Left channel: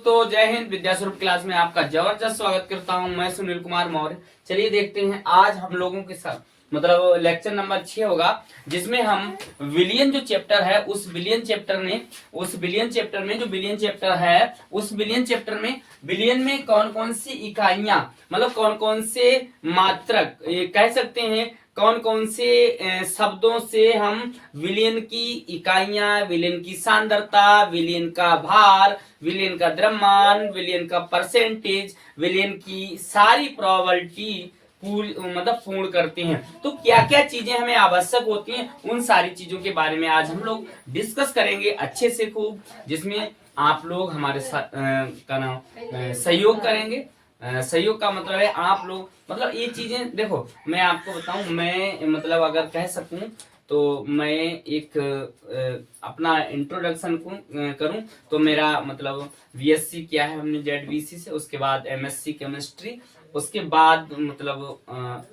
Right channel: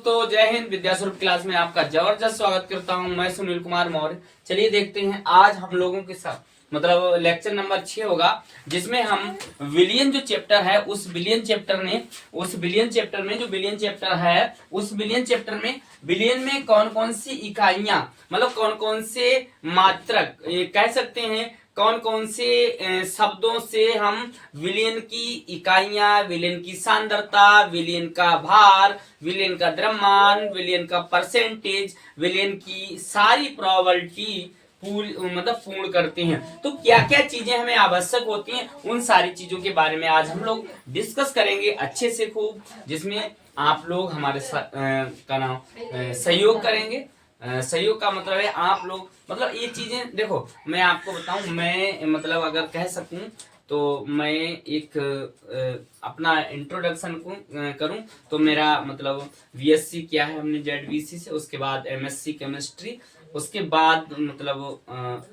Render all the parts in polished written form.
दोस्तों, जय हिंद। विद्यास्वरूप क्लास में आपका जबरदस्त स्वागत करता हूं। मैं सुनील कुमार मौर्य। चलिए देखते हैं आज हम लोगों के साथ मतलब लेक्चर नंबर 6 होगा, जिसमें हम विलियन जो चैप्टर है उस विलियन चैप्टर में जो विलियन चैप्टर है उस विलियन चैप्टर में विलियन में कौन कौन सी इकाइयां मतलब कौन कौन से मात्रक कह सकते हैं, कौन कौन से शब्दों से हम विलियन की इकाइयां, विलियन की सांद्रता, विलियन का भार, विलियन का द्रव्यमान, विलियन का परसेंटेज, विलियन की सारी प्रोबेबिलिटी पूर्ण करते हैं। तो क्या क्या चीजें हमें आवश्यक होती हैं, उन सारी चीजों के बारे में आज हम लोग डिस्कस करेंगे अच्छे से खूब, जिसमें आप लोग हमारे सहयोग करेंगे। सहयोग का मतलब है आप लोग मतलब ये चीजें देखो, मैं आपको बताऊं, मैं मतलब अगर कह सकूं तो मैं एक अपना इंट्रोडक्शन को करूं तो मेरा मतलब बीएससी किया है हमने जेडबीसी से, उसके बाद एमएससी केमिस्ट्री, उसके बाद मतलब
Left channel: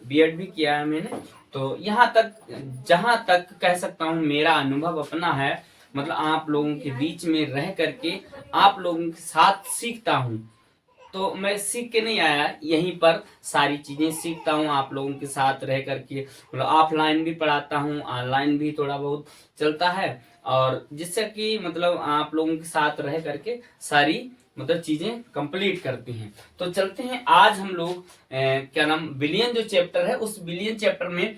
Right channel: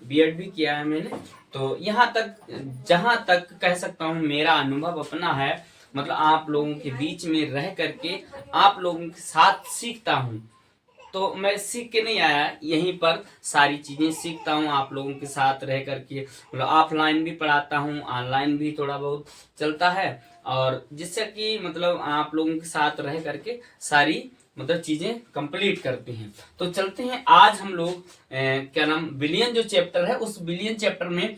बीएड भी किया है मैंने। तो यहाँ तक जहां तक कह सकता हूँ मेरा अनुभव अपना है, मतलब आप लोगों के बीच में रह करके आप लोगों के साथ सीखता हूँ। तो मैं सीख के नहीं आया, यहीं पर सारी चीजें सीखता हूँ आप लोगों के साथ रह करके। मतलब ऑफलाइन भी पढ़ाता हूँ, ऑनलाइन भी थोड़ा बहुत चलता है, और जिससे कि मतलब आप लोगों के साथ रह करके सारी मतलब चीजें कंप्लीट करते हैं। तो चलते हैं आज हम लोग क्या नाम विलियन जो चैप्टर है उस विलियन चैप्टर में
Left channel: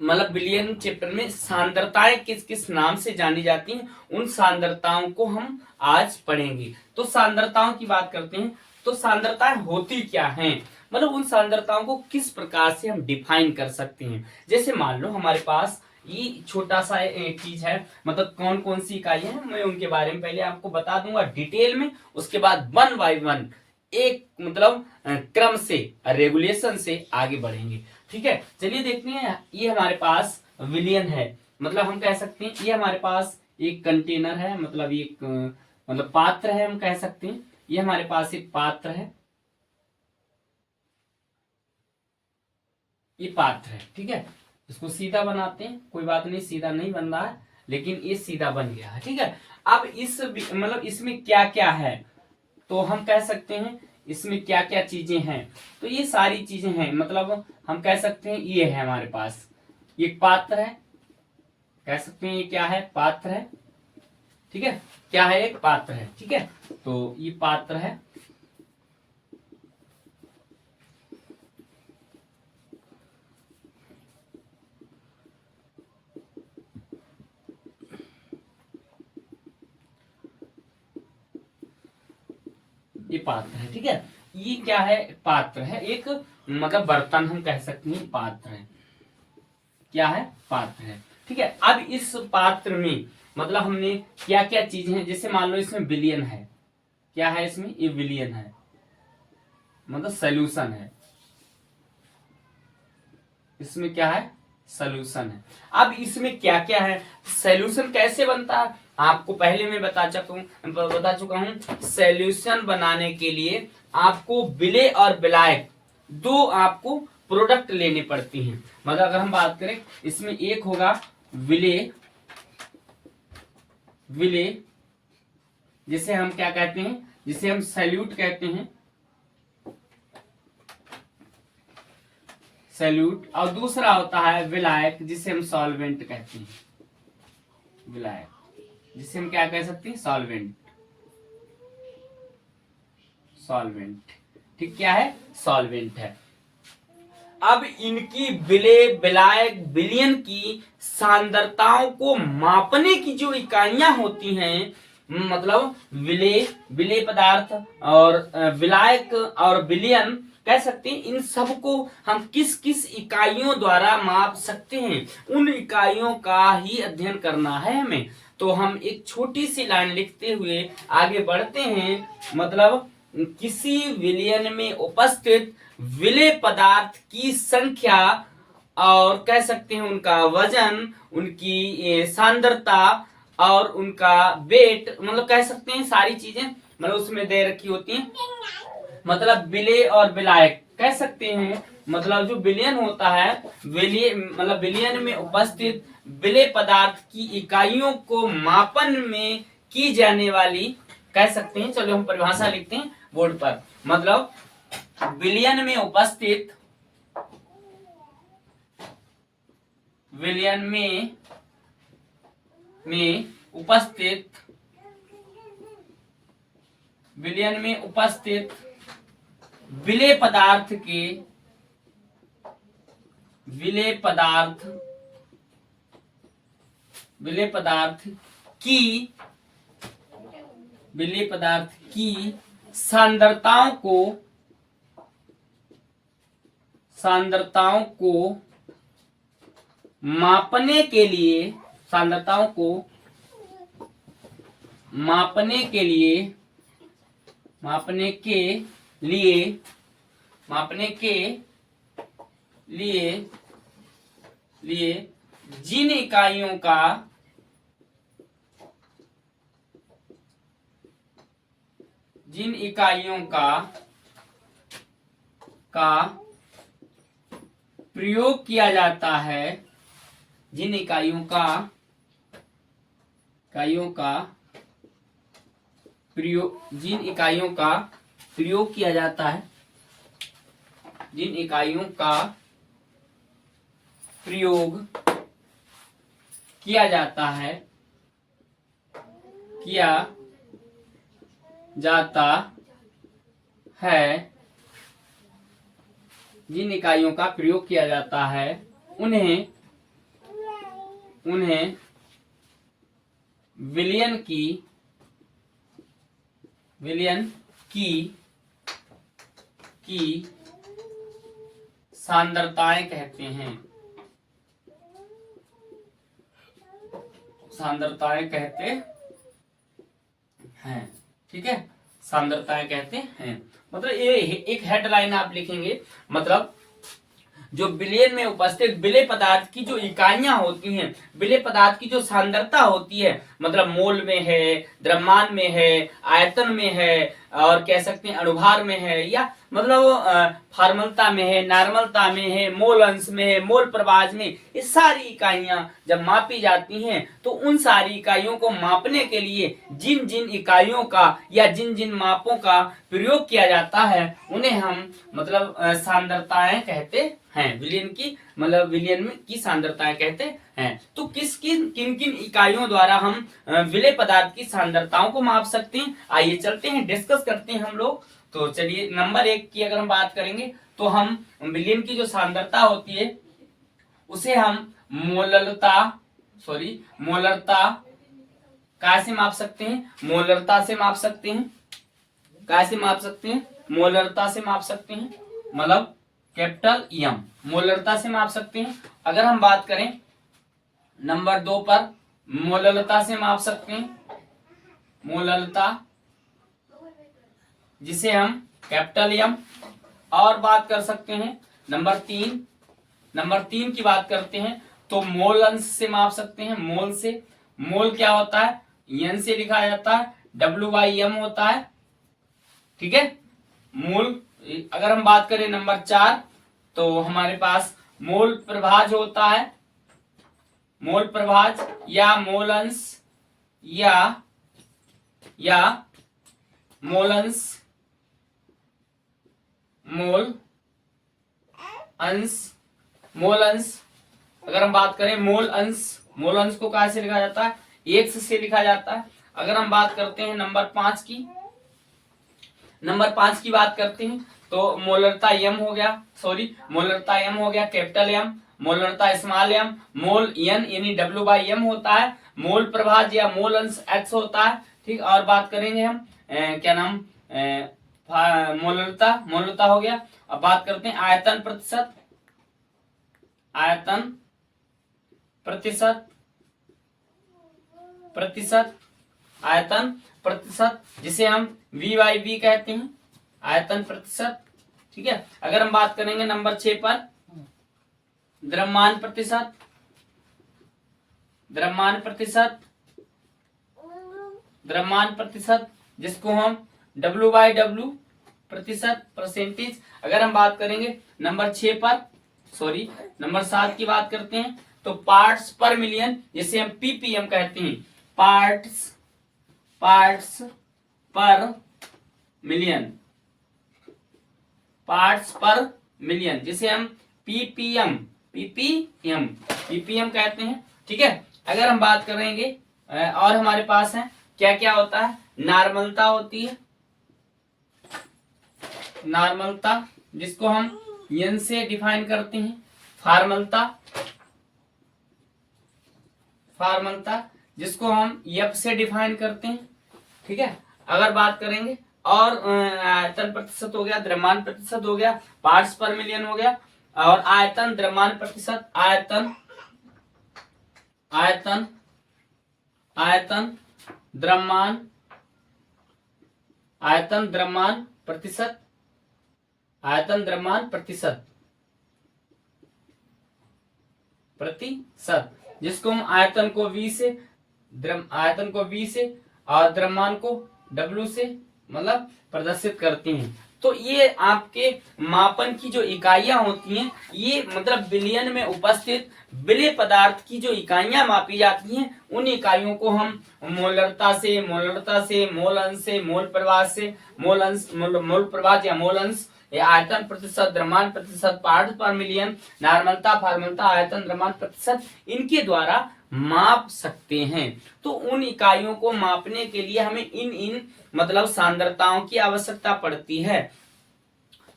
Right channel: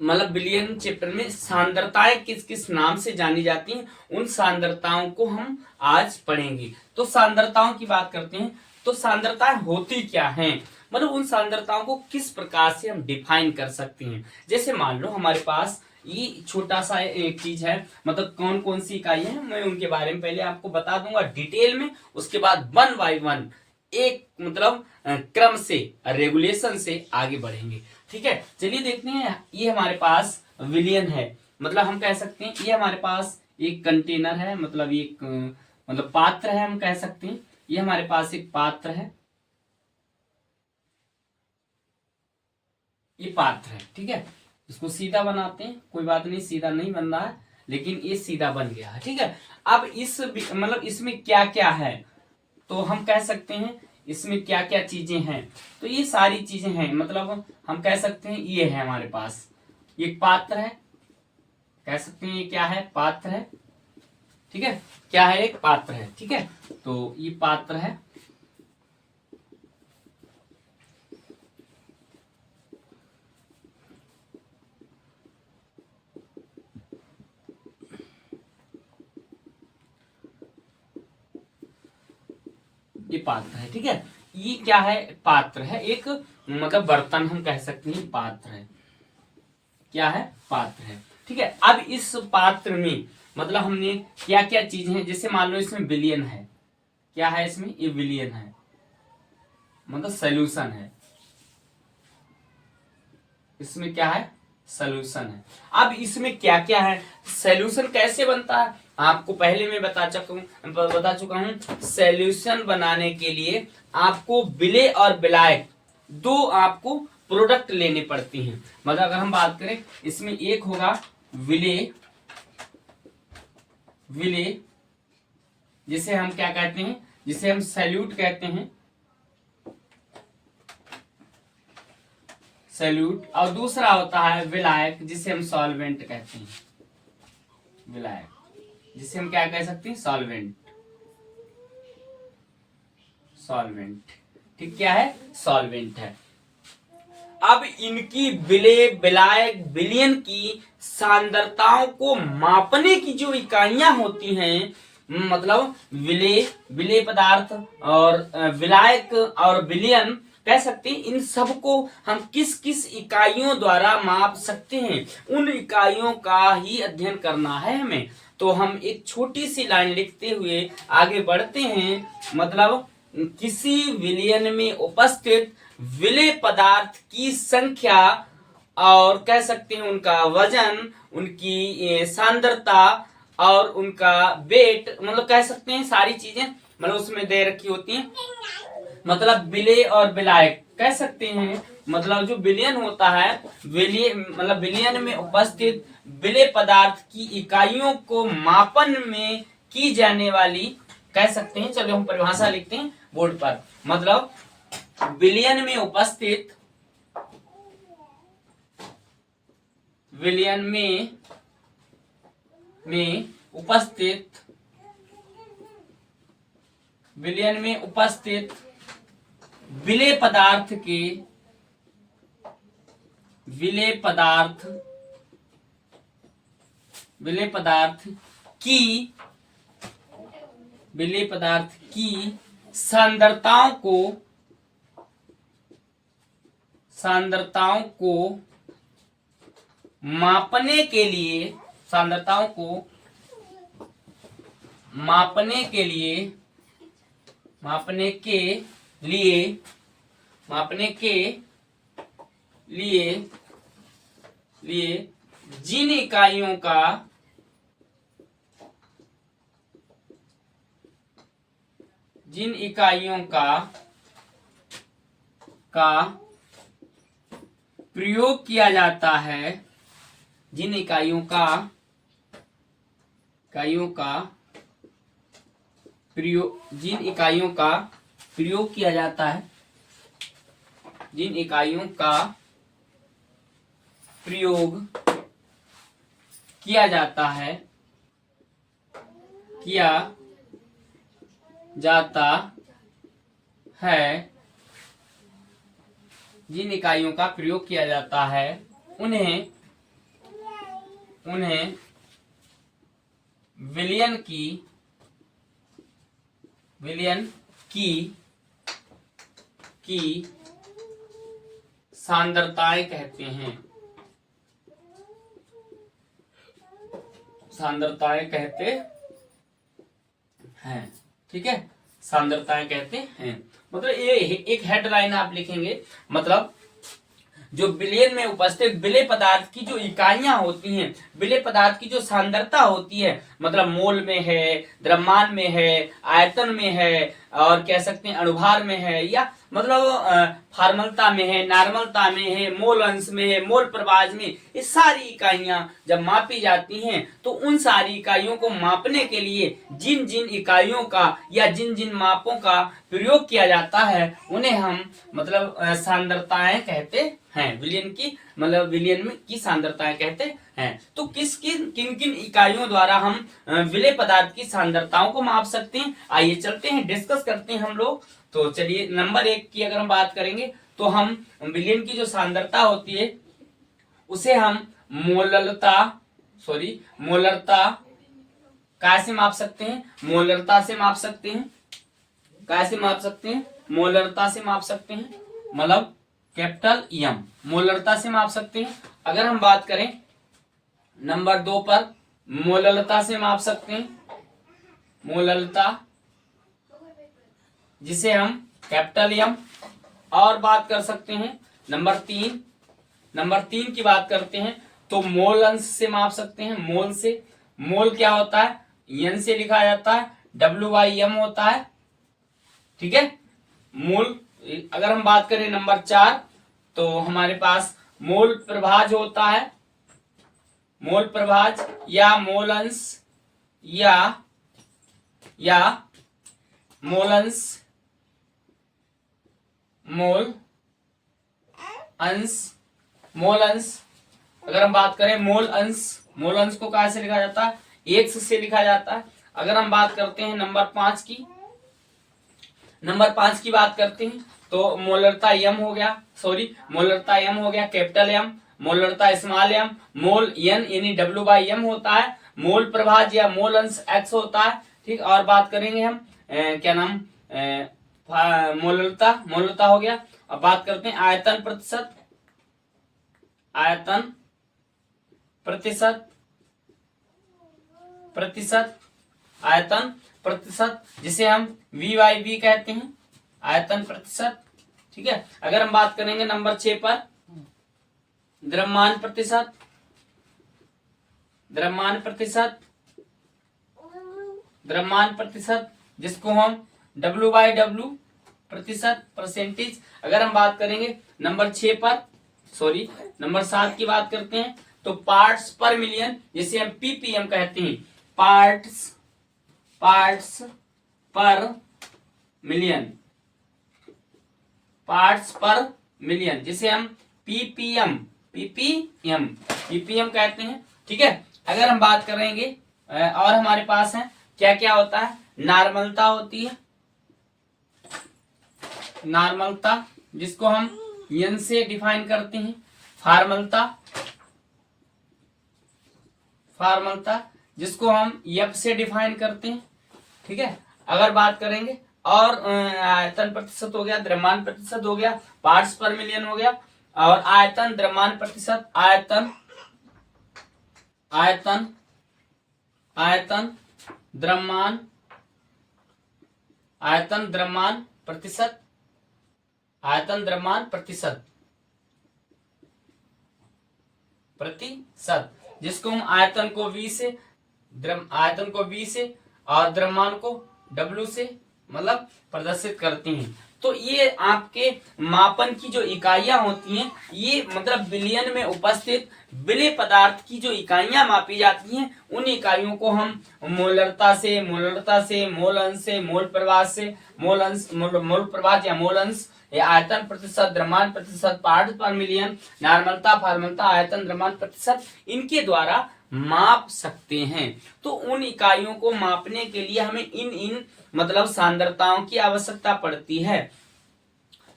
मतलब विलियन चैप्टर में सांद्रताएं किस किस नाम से जानी जाती हैं, उन सांद्रताओं को हम आज पढ़ेंगे। तो सांद्रताओं की बात करते हैं, तो सांद्रताएं होती क्या हैं, मतलब उन सांद्रताओं को किस प्रकार से हम डिफाइन कर सकते हैं। जैसे मान लो हमारे पास ये छोटा सा एक चीज है, मतलब कौन कौन सी इकाइयां हैं मैं उनके बारे में पहले आपको बता दूंगा डिटेल में, उसके बाद वन बाय वन एक मतलब क्रम से रेगुलेशन से आगे बढ़ेंगे। ठीक है, चलिए देखते हैं। ये हमारे पास विलियन है, मतलब हम कह सकते हैं ये हमारे पास एक कंटेनर है, मतलब एक मतलब पात्र है, हम कह सकते हैं ये हमारे पास एक पात्र है, ये पात्र है। ठीक है, इसको सीधा बनाते हैं, कोई बात नहीं, सीधा नहीं बन रहा है लेकिन ये सीधा बन गया है। ठीक है, अब इस मतलब इसमें क्या क्या है, तो हम कह सकते हैं इसमें क्या क्या चीजें हैं। तो ये सारी चीजें हैं, मतलब हम कह सकते हैं ये है हमारे पास एक पात्र है, कह सकते हैं ये क्या है, पात्र है। ठीक है, क्या है, एक पात्र है। ठीक है, तो ये पात्र है, ये पात्र है। ठीक है, ये क्या है, पात्र है, एक मतलब बर्तन हम कह सकते हैं पात्र है। क्या है, पात्र है। ठीक है, अब इस पात्र में मतलब हमने क्या क्या चीजें हैं, जैसे मान लो इसमें विलियन है, क्या है इसमें, ये विलियन है, मतलब सॉल्यूशन है, इसमें क्या है, सॉल्यूशन है। अब इसमें क्या क्या है, सॉल्यूशन कैसे बनता है, आपको पहले मैं बता चुका हूं। सॉल्यूशन बनाने के लिए आपको विलेय और विलायक दो आपको प्रोडक्ट लेने पड़ती हैं। मतलब अगर हम बात करें, इसमें एक होगा विलेय, विलेय जिसे हम क्या कहते हैं, जिसे हम सैल्यूट कहते हैं, सैल्यूट, और दूसरा होता है विलायक जिसे हम सॉल्वेंट कहते हैं, विलायक जिसे हम क्या कह सकते हैं, सॉल्वेंट, सॉल्वेंट। ठीक, क्या है, सॉल्वेंट है। अब इनकी विलेय, विलायक, विलियन की सांद्रताओं को मापने की जो इकाइयां होती हैं, मतलब विलेय, विलेय पदार्थ और विलायक और विलियन कह सकते हैं, इन सब को हम किस किस इकाइयों द्वारा माप सकते हैं, उन इकाइयों का ही अध्ययन करना है हमें। तो हम एक छोटी सी लाइन लिखते हुए आगे बढ़ते हैं। मतलब किसी विलियन में उपस्थित विलेय पदार्थ की संख्या और कह सकते हैं उनका वजन, उनकी सांद्रता और उनका वेट, मतलब कह सकते हैं सारी चीजें मतलब उसमें दे रखी होती हैं। मतलब विलेय और विलायक कह सकते हैं, मतलब जो विलियन होता है, विलेय मतलब विलियन में उपस्थित विलेय पदार्थ की इकाइयों को मापन में की जाने वाली कह सकते हैं। चलो हम परिभाषा लिखते हैं बोर्ड पर। मतलब विलयन में उपस्थित, विलयन में उपस्थित, विलयन में उपस्थित विलेय पदार्थ के, विलेय पदार्थ, विलेय पदार्थ की, विलेय पदार्थ की सांद्रताओं को, सांद्रताओं को मापने के लिए, सांद्रताओं को मापने के लिए, मापने के लिए, मापने के लिए लिए जिन इकाइयों का, जिन इकाइयों का प्रयोग किया जाता है, जिन इकाइयों का प्रयोग, जिन इकाइयों का प्रयोग किया जाता है, जिन इकाइयों का प्रयोग किया जाता है, किया जाता है, जिन इकाइयों का प्रयोग किया जाता है, उन्हें विलयन की सांद्रताएं कहते हैं, सांद्रताएं कहते हैं। ठीक है, सांद्रताएं कहते हैं। मतलब ये एक हेडलाइन आप लिखेंगे। मतलब जो विलयन में उपस्थित विलेय पदार्थ की जो इकाइयां होती हैं, विलेय पदार्थ की जो सांद्रता होती है, मतलब मोल में है, द्रव्यमान में है, आयतन में है, और कह सकते हैं अणुभार में है, या मतलब फॉर्मलता में है, नॉर्मलता में है, मोल अंश में है, मोल प्रवाह में, ये सारी इकाइयां जब मापी जाती हैं तो उन सारी इकाइयों को मापने के लिए जिन जिन इकाइयों का या जिन जिन मापों का प्रयोग किया जाता है उन्हें हम मतलब सांद्रताएं कहते हैं। विलयन की मतलब विलयन में की सांद्रताएं कहते हैं। तो किन किन इकाइयों द्वारा हम विलेय पदार्थ की सांद्रताओं को माप सकते हैं, आइए चलते हैं, डिस्कस करते हैं हम लोग। तो चलिए, नंबर 1 की अगर हम बात करेंगे तो हम विलयन की जो सांद्रता होती है उसे हम मोलरता कैसे माप सकते हैं? मोलरता से माप सकते हैं। कैसे माप सकते हैं? मोलरता से माप सकते हैं, मतलब कैपिटल एम, मोलरता से माप सकते हैं। अगर हम बात करें नंबर 2 पर, मोलरता से माप सकते हैं, मोलरता जिसे हम कैपिटल एम। और बात कर सकते हैं नंबर 3 की बात करते हैं तो मोल अंश से माप सकते हैं। मोल से, मोल क्या होता है? एन से लिखा जाता है, W/M होता है। ठीक है, मोल। अगर हम बात करें नंबर 4 तो हमारे पास मोल प्रभाज होता है, मोल प्रभाज या मोल अंश या मोल अंश, मोल अंश। अगर हम बात करें मोल अंश को कहां से लिखा जाता है? एक्स से लिखा जाता है। अगर हम बात करते हैं नंबर 5 की, नंबर 5 की बात करते हैं तो मोलरता एम हो गया, मोलरता एम हो गया, कैपिटल एम, मोलरता स्मॉल एम, मोल एन यानी W/M होता है, मोल प्रभाज या मोल अंश एक्स होता है। ठीक, और बात करेंगे हम क्या नाम, मोलरता हो गया। अब बात करते हैं आयतन प्रतिशत, आयतन प्रतिशत जिसे हम V/V कहते हैं, आयतन प्रतिशत। ठीक है, अगर हम बात करेंगे नंबर 6 पर, द्रव्यमान प्रतिशत जिसको हम W/W प्रतिशत, परसेंटेज। अगर हम बात करेंगे नंबर 6 पर, नंबर 7 की बात करते हैं तो पार्ट्स पर मिलियन जिसे हम PPM कहते हैं, पार्ट्स पर मिलियन, पार्ट्स पर मिलियन, जिसे हम पीपीएम पीपीएम पीपीएम कहते हैं। ठीक है, अगर हम बात करेंगे और हमारे पास है क्या क्या होता है, नॉर्मलता होती है, नॉर्मलता जिसको हम एन से डिफाइन करते हैं, फॉर्मलता, फॉर्मलता जिसको हम एफ से डिफाइन करते हैं। ठीक है, अगर बात करेंगे और आयतन प्रतिशत हो गया, द्रव्यमान प्रतिशत हो गया, पार्ट्स पर मिलियन हो गया, और आयतन द्रव्यमान प्रतिशत, आयतन आयतन आयतन द्रव्यमान, आयतन द्रव्यमान प्रतिशत, आयतन द्रव्यमान प्रतिशत प्रतिशत जिसको हम आयतन को V से, आयतन को V से और द्रव्यमान को W से मतलब प्रदर्शित करते हैं। तो ये आपके मापन की जो इकाइयां होती हैं, ये मतलब बिलियन में उपस्थित विलेय पदार्थ की जो इकाइयां मापी जाती हैं, उन इकाइयों को हम मोलरता से, मोल अंश से, मोल प्रवाह से, मोल अंश, मोल प्रवाह या मोल अंश, आयतन प्रतिशत, द्रव्यमान प्रतिशत, पार्ट्स पर मिलियन, नॉर्मलता, फॉर्मलता, आयतन, द्रव्यमान प्रतिशत, इनके द्वारा माप सकते हैं। तो उन इकाइयों को मापने के लिए हमें इन मतलब सांद्रताओं की आवश्यकता पड़ती है।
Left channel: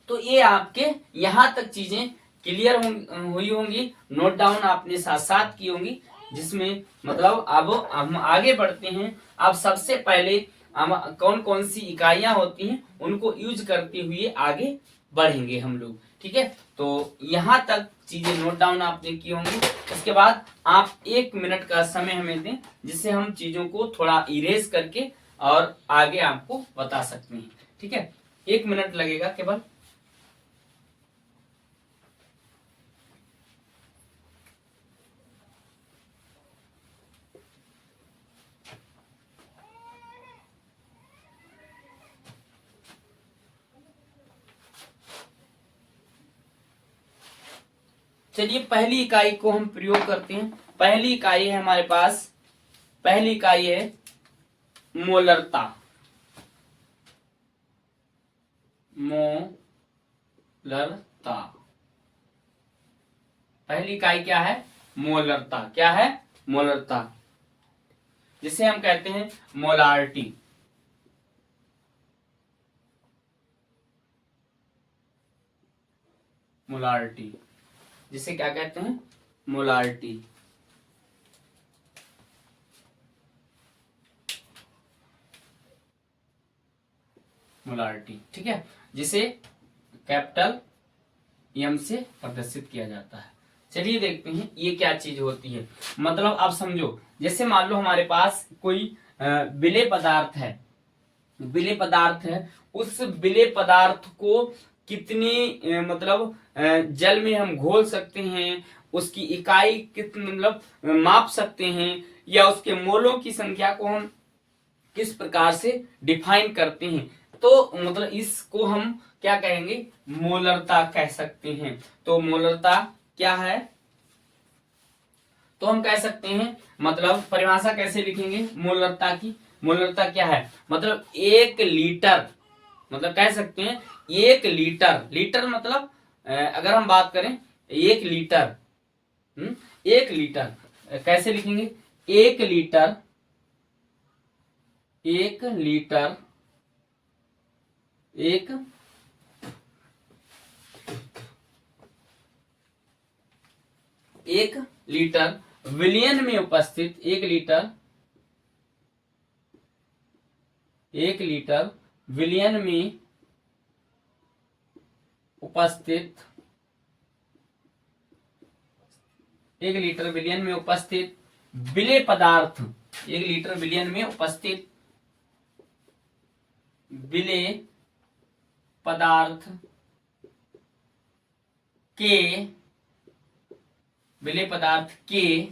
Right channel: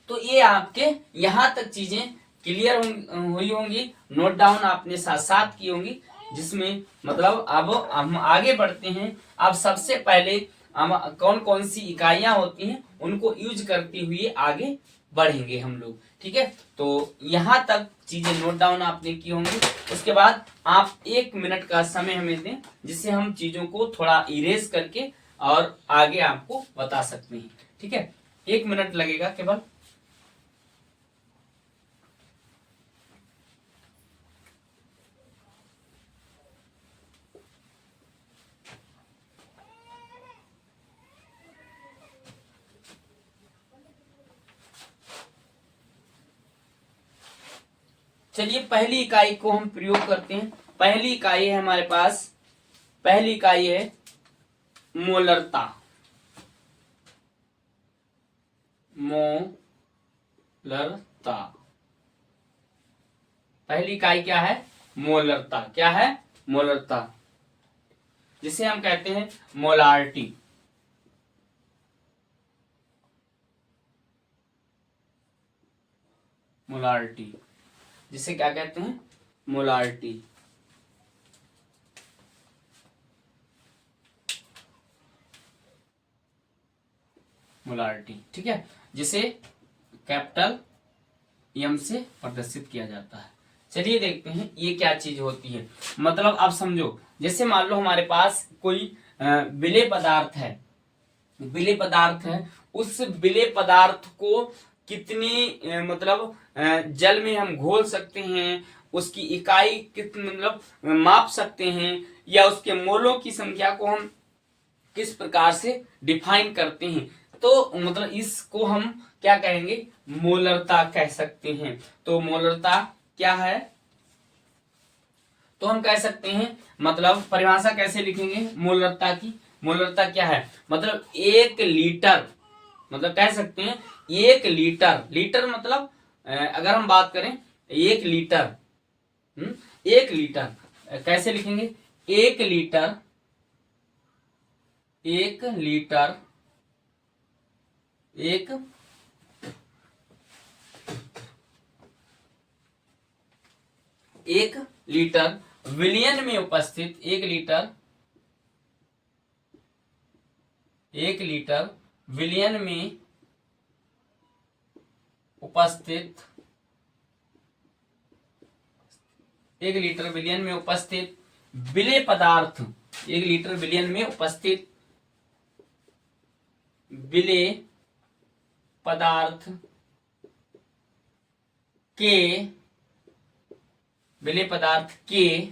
तो ये आपके यहां तक चीजें क्लियर हुई होंगी, नोट डाउन आपने साथ साथ की होंगी, जिसमें मतलब अब हम आगे बढ़ते हैं। अब सबसे पहले हम कौन कौन सी इकाइयां होती हैं उनको यूज करते हुए आगे बढ़ेंगे हम लोग। ठीक है, तो यहां तक चीजें नोट डाउन आपने की होंगी। इसके बाद आप 1 मिनट का समय हमें दें, जिससे हम चीजों को थोड़ा इरेज करके और आगे आपको बता सकते हैं। ठीक है, 1 मिनट लगेगा केवल। चलिए पहली इकाई को हम प्रयोग करते हैं। पहली इकाई है हमारे पास, पहली इकाई है मोलरता, मोलरता। पहली इकाई क्या है, मोलरता। क्या है, मोलरता, जिसे हम कहते हैं मोलारिटी। मोलारिटी जिसे क्या कहते हैं, मोलारिटी। मोलारिटी, ठीक है, जिसे कैपिटल एम से प्रदर्शित किया जाता है। चलिए देखते हैं ये क्या चीज होती है। मतलब आप समझो, जैसे मान लो हमारे पास कोई विलेय पदार्थ है, विलेय पदार्थ है, उस विलेय पदार्थ को कितनी मतलब जल में हम घोल सकते हैं, उसकी इकाई कितनी मतलब माप सकते हैं, या उसके मोलों की संख्या को हम किस प्रकार से डिफाइन करते हैं, तो मतलब इसको हम क्या कहेंगे, मोलरता कह सकते हैं। तो मोलरता क्या है, तो हम कह सकते हैं, मतलब परिभाषा कैसे लिखेंगे मोलरता की। मोलरता क्या है, मतलब 1 लीटर, मतलब कह सकते हैं 1 लीटर, लीटर मतलब अगर हम बात करें 1 लीटर, 1 लीटर कैसे लिखेंगे, 1 लीटर, 1 लीटर, 1 लीटर विलियन में उपस्थित, 1 लीटर, 1 लीटर विलियन में उपस्थित, 1 लीटर विलियन में उपस्थित विलेय पदार्थ, 1 लीटर विलियन में उपस्थित विलेय पदार्थ के, विलेय पदार्थ के,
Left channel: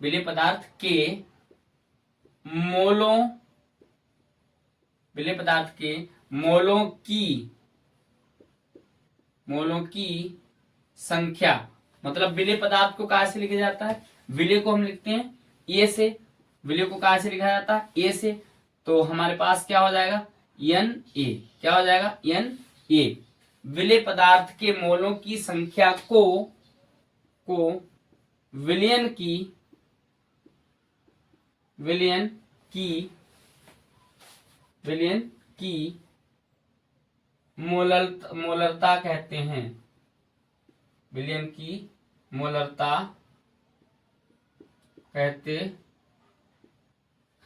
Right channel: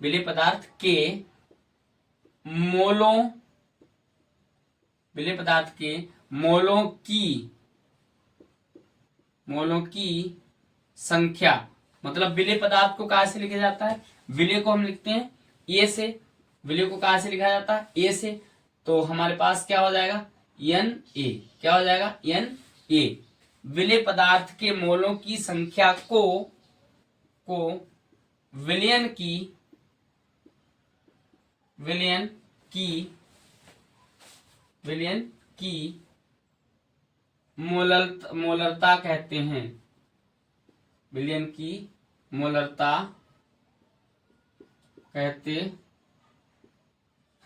विलेय पदार्थ के मोलों, विलेय पदार्थ के मोलों की संख्या, मतलब विलेय पदार्थ को कहां से लिखा जाता है, विलेय को हम लिखते हैं ए से, विलेय को कहां से लिखा जाता है, ए से, तो हमारे पास क्या हो जाएगा, एन ए, क्या हो जाएगा, एन ए। विलेय पदार्थ के मोलों की संख्या को विलयन की मोलरता कहते हैं। विलयन की मोलरता कहते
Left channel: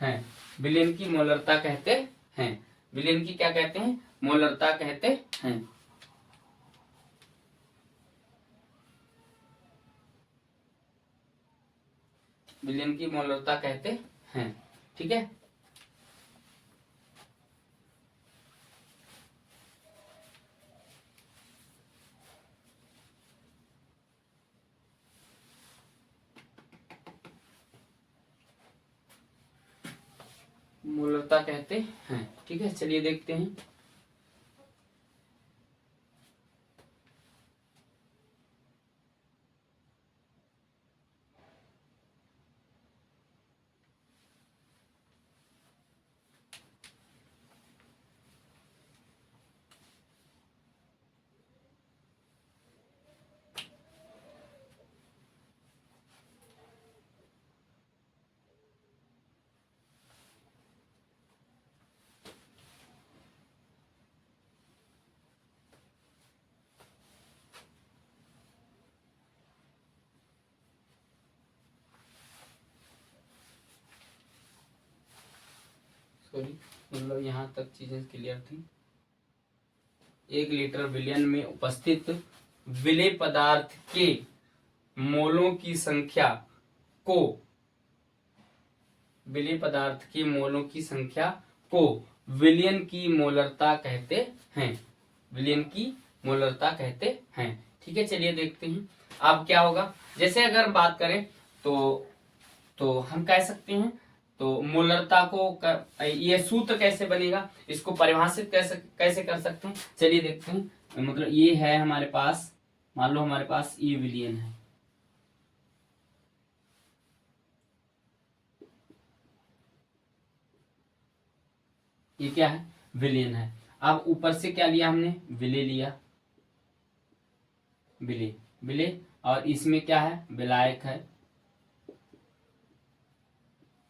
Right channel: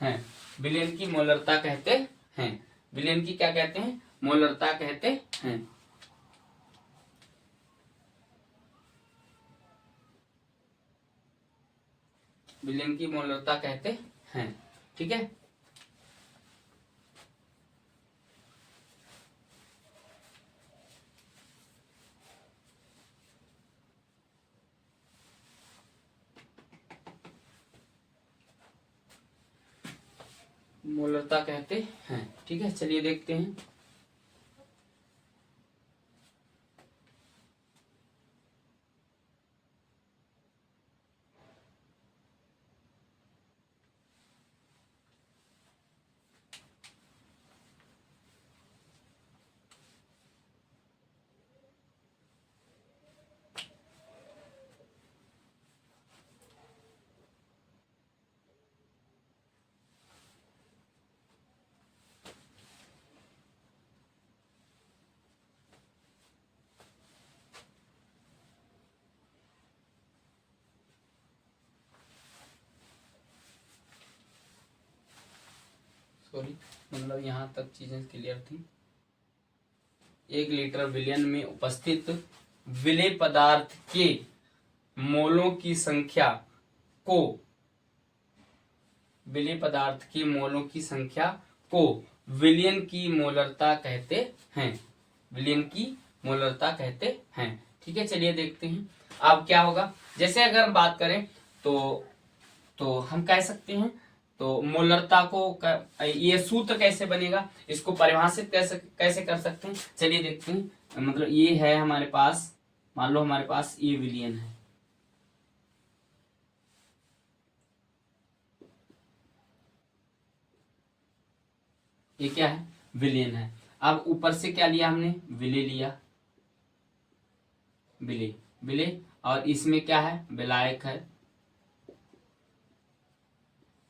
हैं। विलयन की मोलरता कहते हैं। विलयन की क्या कहते हैं, मोलरता कहते हैं। विलयन की मोलरता कहते हैं। ठीक है। मोलरता कहते हैं। ठीक है, चलिए देखते हैं। सॉरी, मतलब यहाँ तक चीजें क्लियर थी। 1 लीटर विलयन में उपस्थित विलेय पदार्थ के मोलों की संख्या को विलेय पदार्थ के मोलों की संख्या को विलयन की मोलरता कहते हैं। विलयन की मोलरता कहते हैं। ठीक है, चलिए देखते हैं अब क्या होगा। जैसे अगर हम बात करें तो हम कह सकते हैं, तो मोलरता को ये सूत्र कैसे बनेगा, इसको परिभाषित कैसे कर सकते हैं, चलिए देखते हैं। मतलब ये है हमारे पास, मान लो हमारे पास ये विलयन है, ये क्या है, विलयन है। अब ऊपर से क्या लिया हमने, विलेय लिया, विलेय, और इसमें क्या है, विलायक है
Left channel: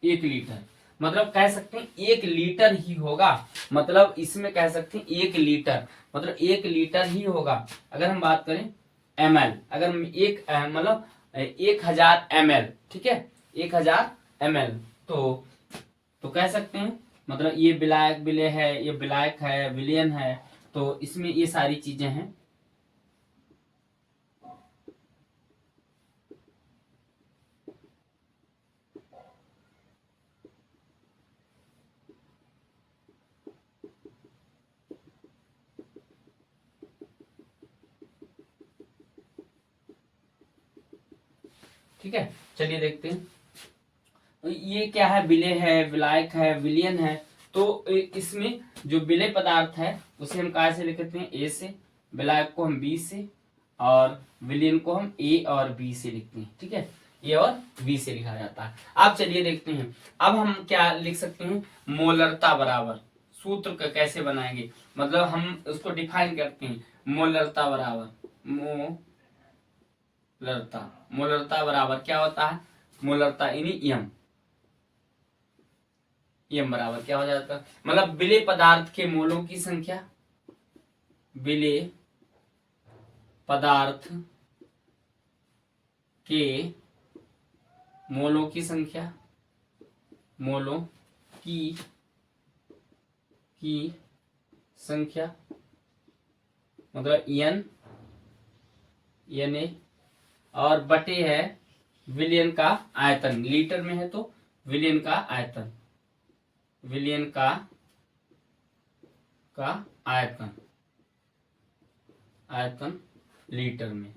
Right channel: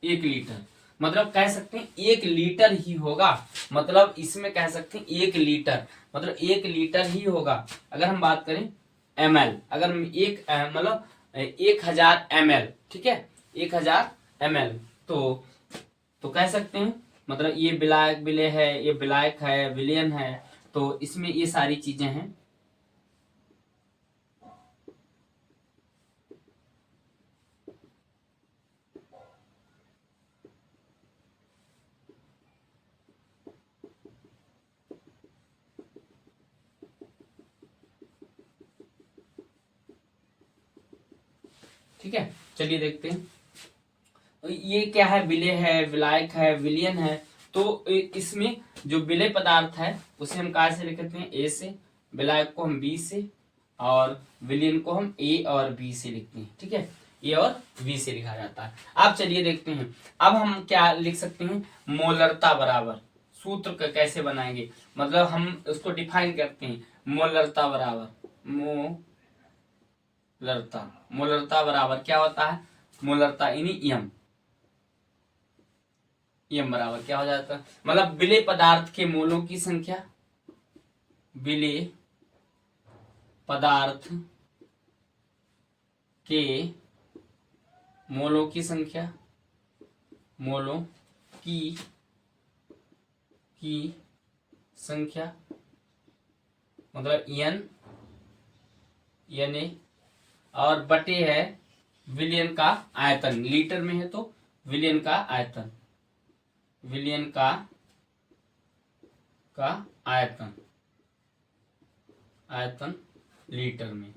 1 लीटर। मतलब कह सकते हैं 1 लीटर ही होगा। मतलब इसमें कह सकते हैं 1 लीटर, मतलब 1 लीटर ही होगा। अगर हम बात करें ml, अगर एक मतलब 1000 ml, ठीक है, 1000 ml, तो कह सकते हैं, मतलब ये विलायक विलेय है, ये विलायक है, विलयन है, तो इसमें ये सारी चीजें हैं। ठीक है, चलिए देखते हैं। ये क्या है, विलेय है, विलायक है, विलयन है। तो इसमें जो विलेय पदार्थ है उसे हम कहा से लिखते हैं, ए से, विलायक को हम बी से, और विलयन को हम ए और बी से लिखते हैं। ठीक है, ए और बी से लिखा जाता है। अब चलिए देखते हैं, अब हम क्या लिख सकते हैं, मोलरता बराबर, सूत्र का कैसे बनाएंगे, मतलब हम उसको डिफाइन करते हैं। मोलरता बराबर मोलरता बराबर क्या होता है, मोलरता यानी एम बराबर क्या हो जाता है, मतलब विलेय पदार्थ के मोलों की संख्या, विलेय पदार्थ के मोलों की संख्या, मोलों की संख्या, मतलब एन ए, और बटे है विलयन का आयतन, लीटर में है तो विलयन का आयतन, विलयन का आयतन लीटर में,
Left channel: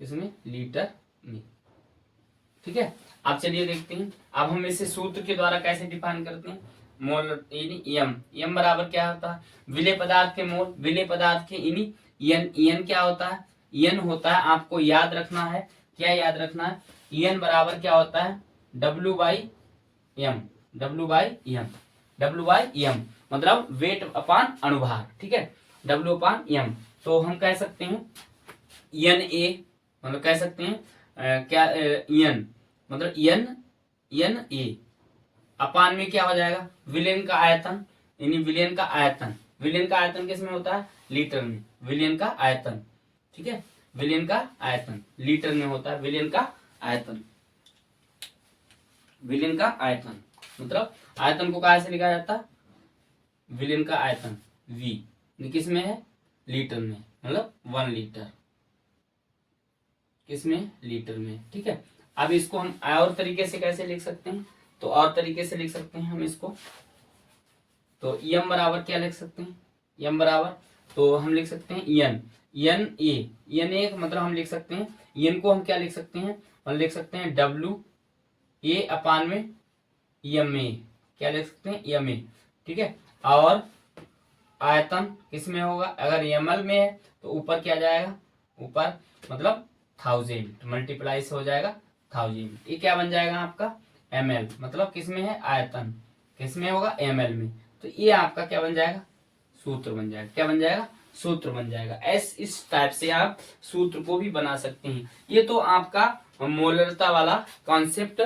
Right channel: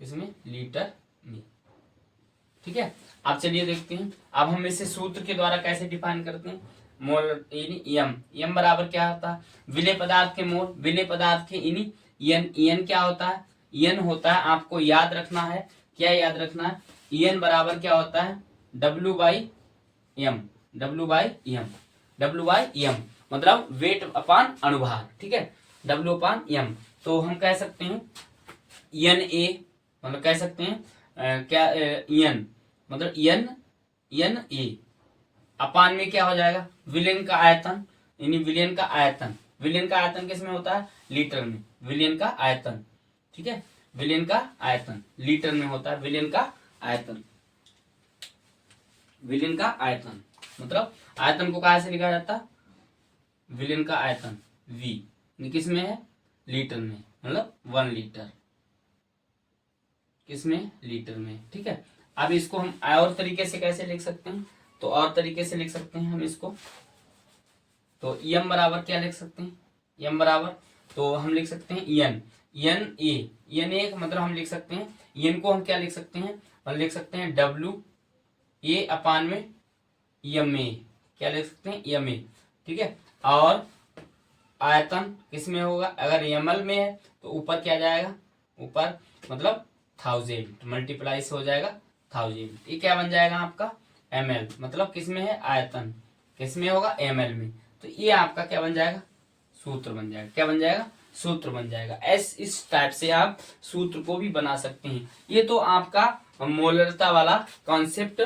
इसमें लीटर में। ठीक है, अब चलिए देखते हैं, अब हम इसे सूत्र के द्वारा कैसे डिफाइन करते हैं। मोल एम बराबर क्या होता है, विलेय पदार्थ के मोल, विलेय पदार्थ के एन क्या होता है, एन होता है, आपको याद रखना है, क्या याद रखना है, एन बराबर क्या होता है, W/M, W/m मतलब वेट अपान अनुभार, ठीक है, W/m। तो हम कह सकते हैं Na, मतलब कह सकते हैं क्या n मतलब Na अपान में क्या हो जाएगा, विलयन का आयतन, यानी विलयन का आयतन, विलयन का आयतन किस में होता है, लीटर में, विलयन का आयतन, ठीक है, विलयन का आयतन लीटर में होता है, विलयन का आयतन, विलयन का आयतन मतलब आयतन को कहा से लिखा जाता है, विलयन का आयतन V किस में है, लीटर में, मतलब 1 लीटर, किस में, लीटर में, ठीक है। अब इसको हम और तरीके से कैसे लिख सकते हैं, तो और तरीके से लिख सकते हैं हम इसको, तो m बराबर क्या लिख सकते हैं, m बराबर, तो हम लिख सकते हैं n a मतलब हम लिख सकते हैं n को हम क्या लिख सकते हैं, हम लिख सकते हैं WA अपान में MA, क्या लिख सकते हैं, MA, ठीक है। और आयतन किस में होगा, अगर ml में है तो ऊपर क्या जाएगा, ऊपर मतलब 1000 मल्टीप्लाई से हो जाएगा 1000, ये क्या बन जाएगा आपका ml, मतलब किस में है, आयतन किस में होगा, ml में, तो ये आपका क्या बन जाएगा, सूत्र बन जाएगा, क्या बन जाएगा, सूत्र बन जाएगा। इस टाइप से आप सूत्र को भी बना सकते हैं। ये तो आपका मोलरता वाला कॉन्सेप्ट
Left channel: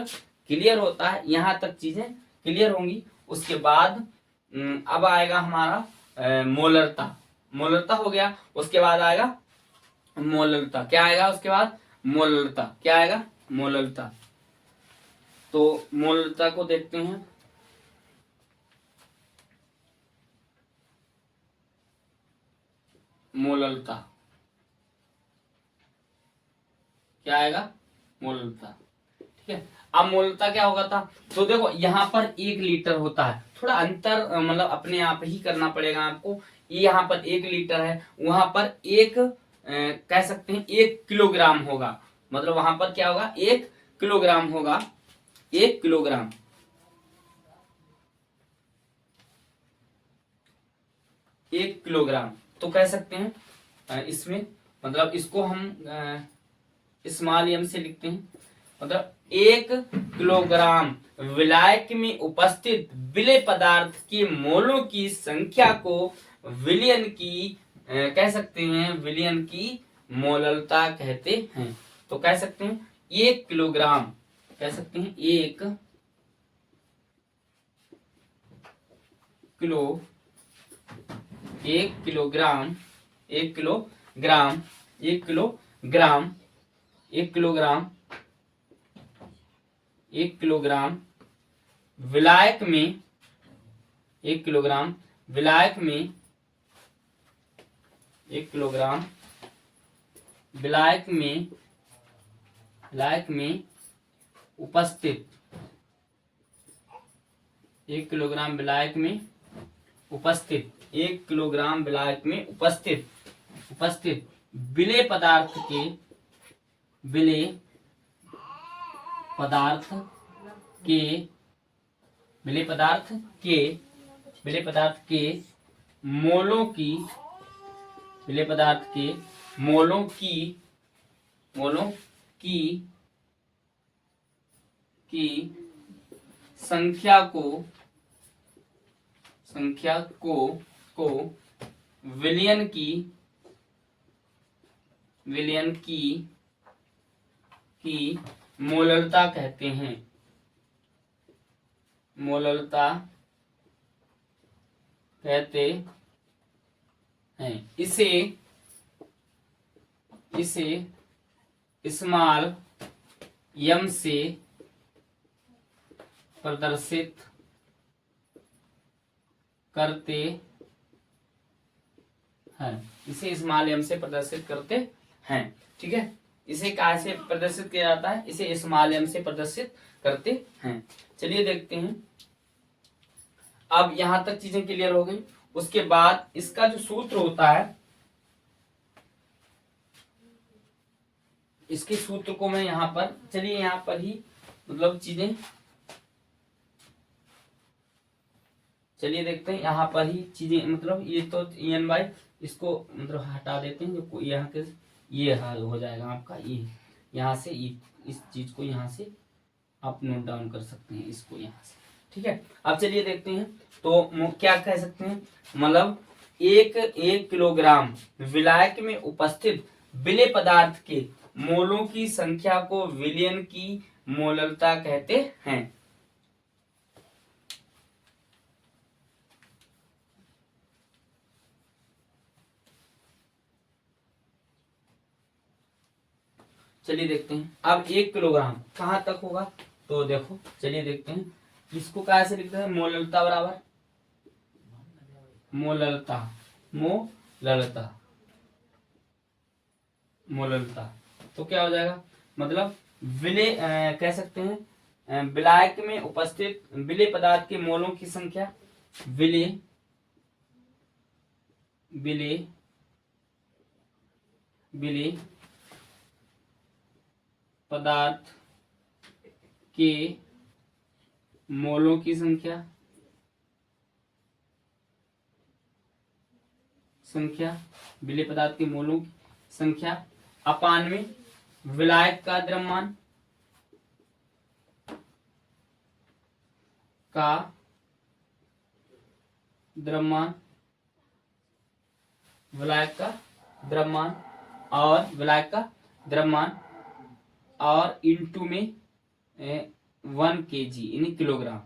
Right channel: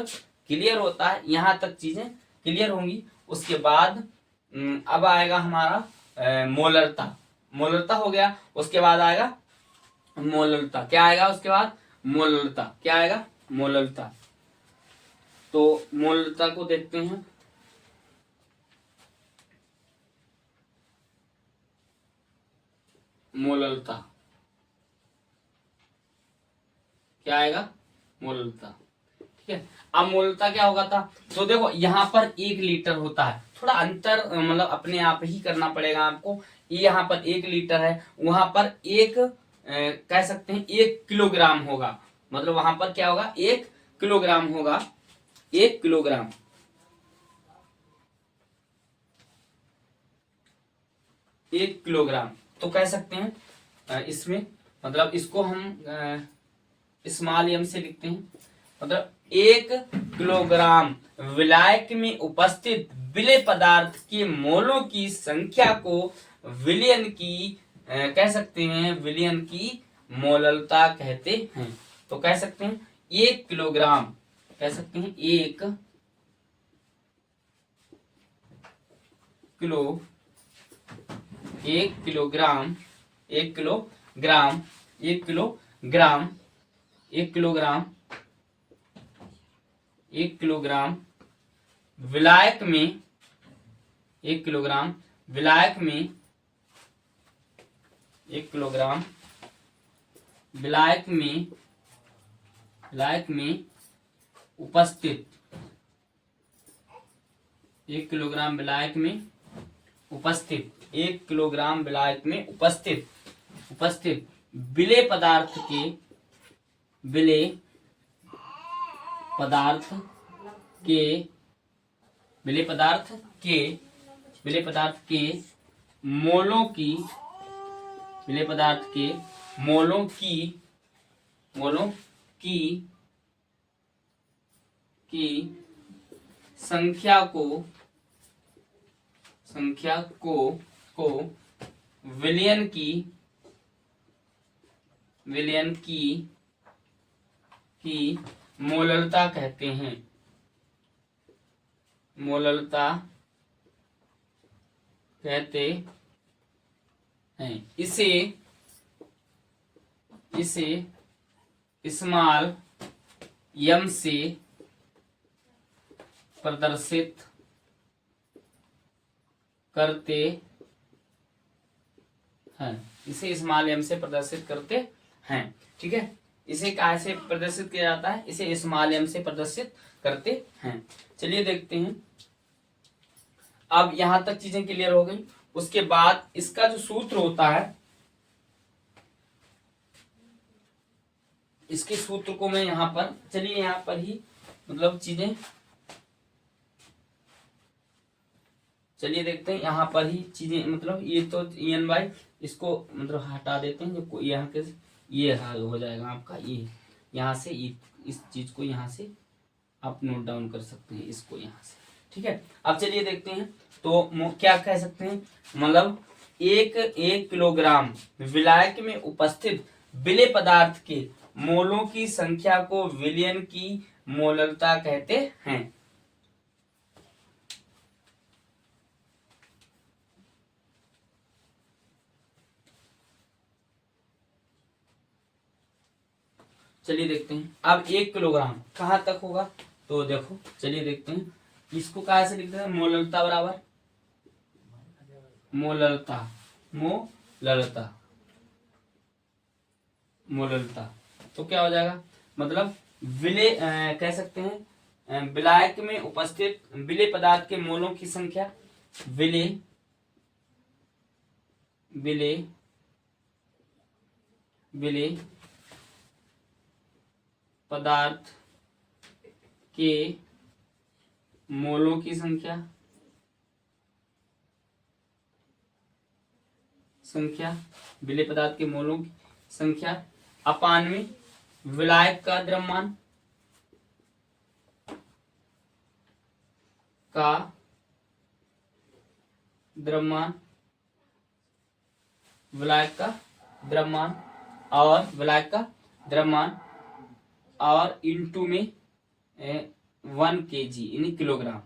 क्लियर होता है, यहां तक चीजें क्लियर होंगी। उसके बाद अब आएगा हमारा मोलरता, मोलरता हो गया, उसके बाद आएगा मोलरता, क्या आएगा उसके बाद, मोलरता, क्या आएगा, मोलरता। तो मोलरता को देखते हैं, मोलरता क्या आएगा, मोलरता, ठीक है। अब मोलरता क्या होगा था, तो देखो यहाँ पर 1 लीटर होता है, थोड़ा अंतर मतलब अपने आप ही करना पड़ेगा आपको, ये यहाँ पर 1 लीटर है, वहां पर एक कह सकते हैं 1 किलोग्राम होगा, मतलब वहां पर क्या होगा, 1 किलोग्राम होगा, 1 किलोग्राम, 1 किलोग्राम, तो कह सकते हैं इसमें मतलब इसको हम स्मॉल m से लिखते हैं, मतलब 1 किलोग्राम विलायक में उपस्थित विलेय पदार्थ के मोलों की संख्या को विलयन की कह सकते हैं, विलयन की मोललता कहते हैं। तो कह सकते हैं 1 किलोग्राम, कह सकते हैं 1 kilo, 1 kilogram, 1 kilogram, 1 kilogram, 1 kilogram, 1 kilogram विलायक में, 1 किलोग्राम विलायक में, 1 किलोग्राम विलायक में, विलायक में उपस्थित, 1 किलोग्राम विलायक में उपस्थित, 1 किलोग्राम विलायक में उपस्थित, उपस्थित विलेय पदार्थ के, विलेय पदार्थ के, विलेय पदार्थ के, विलेय पदार्थ के मोलों की, विलेय पदार्थ के मोलों की, मोलों की संख्या को, संख्या को विलयन की, विलयन की मोललता कहते हैं, मोललता कहते हैं। इसे स्मॉल m से प्रदर्शित करते हैं, इसे स्मॉल m से प्रदर्शित करते हैं, ठीक है। इसे कहाँ से प्रदर्शित किया जाता है, इसे स्मॉल m से प्रदर्शित करते हैं। चलिए देखते हैं, अब यहां तक चीजें क्लियर हो गई। उसके बाद इसका जो सूत्र होता है, इसके सूत्र को मैं यहां पर, चलिए यहां पर ही मतलब चीजें, चलिए देखते हैं यहां पर ही चीजें, मतलब ये तो EN/, इसको मतलब हटा देते हैं, जो यहाँ के ये हो जाएगा आपका, ये यहाँ से इस चीज को यहाँ से आप नोट डाउन कर सकते हैं, इसको यहाँ से, ठीक है। अब चलिए देखते हैं, तो क्या कह सकते हैं, मतलब एक किलोग्राम विलायक में उपस्थित विलेय पदार्थ के मोलों की संख्या को विलयन की मोलरता कहते हैं। चलिए देखते हैं, अब 1 किलोग्राम कहां तक होगा, तो देखो चलिए देखते हैं, इसको कहां से लिखते हैं, मोलरता बराबर मोलरता, मोलरता, मोलरता, तो क्या हो जाएगा, मतलब विलेय कह सकते हैं विलायक में उपस्थित विलेय पदार्थ के मोलों की संख्या, विलेय विलेय विलेय पदार्थ के मोलों की संख्या विलेय पदार्थ के मोलों की संख्या अपान में विलायक का द्रव्यमान विलायक का द्रव्यमान और विलायक का द्रव्यमान और इनटू में 1 kg यानी किलोग्राम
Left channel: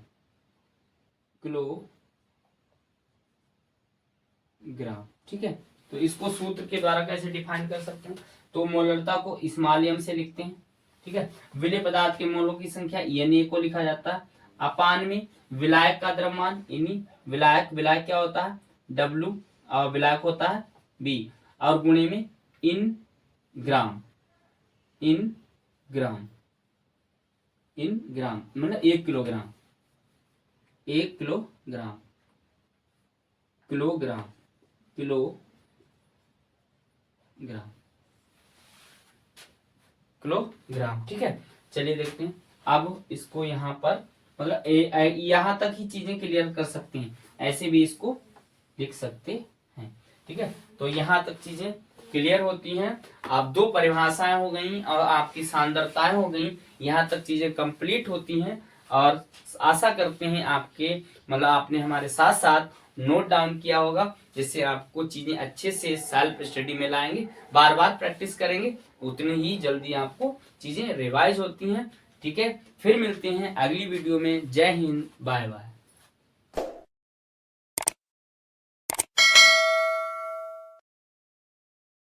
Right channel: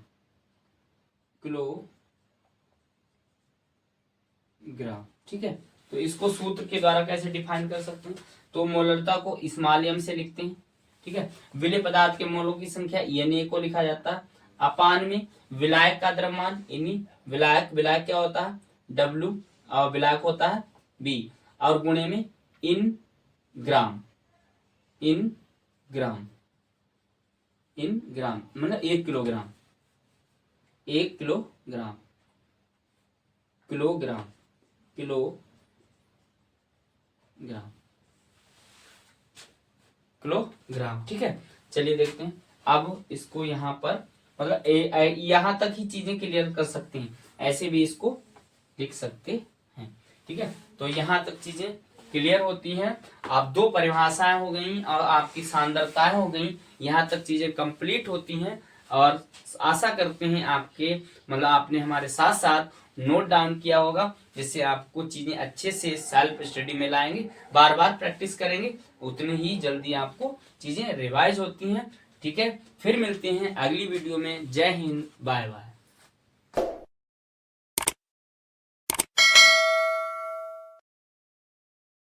ठीक है। तो इसको सूत्र के द्वारा कैसे डिफाइन कर सकते हैं, तो मोलरता को स्मॉल m से लिखते हैं, ठीक है। विलेय पदार्थ के मोलों की संख्या Na को लिखा जाता है, अपान में विलायक का द्रव्यमान यानी विलायक क्या होता है W और विलायक होता है B, और गुणे में इन ग्राम मतलब 1 किलोग्राम किलोग्राम, ठीक है। चलिए देखते हैं, अब इसको यहाँ पर मतलब यहाँ तक ही चीजें क्लियर कर सकते हैं, ऐसे भी इसको लिख सकते हैं, ठीक है। तो यहाँ तक चीजें क्लियर होती हैं। आप 2 परिभाषाएं हो गई और आपकी सांद्रताएं हो गई, यहाँ तक चीजें कंप्लीट होती हैं, और आशा करते हैं आपके मतलब आपने हमारे साथ साथ नोट डाउन किया होगा, जिससे आपको चीजें अच्छे से सेल्फ स्टडी में लाएंगे, बार बार प्रैक्टिस करेंगे, उतनी ही जल्दी आपको चीजें रिवाइज होती हैं, ठीक है। फिर मिलते हैं अगली वीडियो में। जय हिंद, बाय बाय।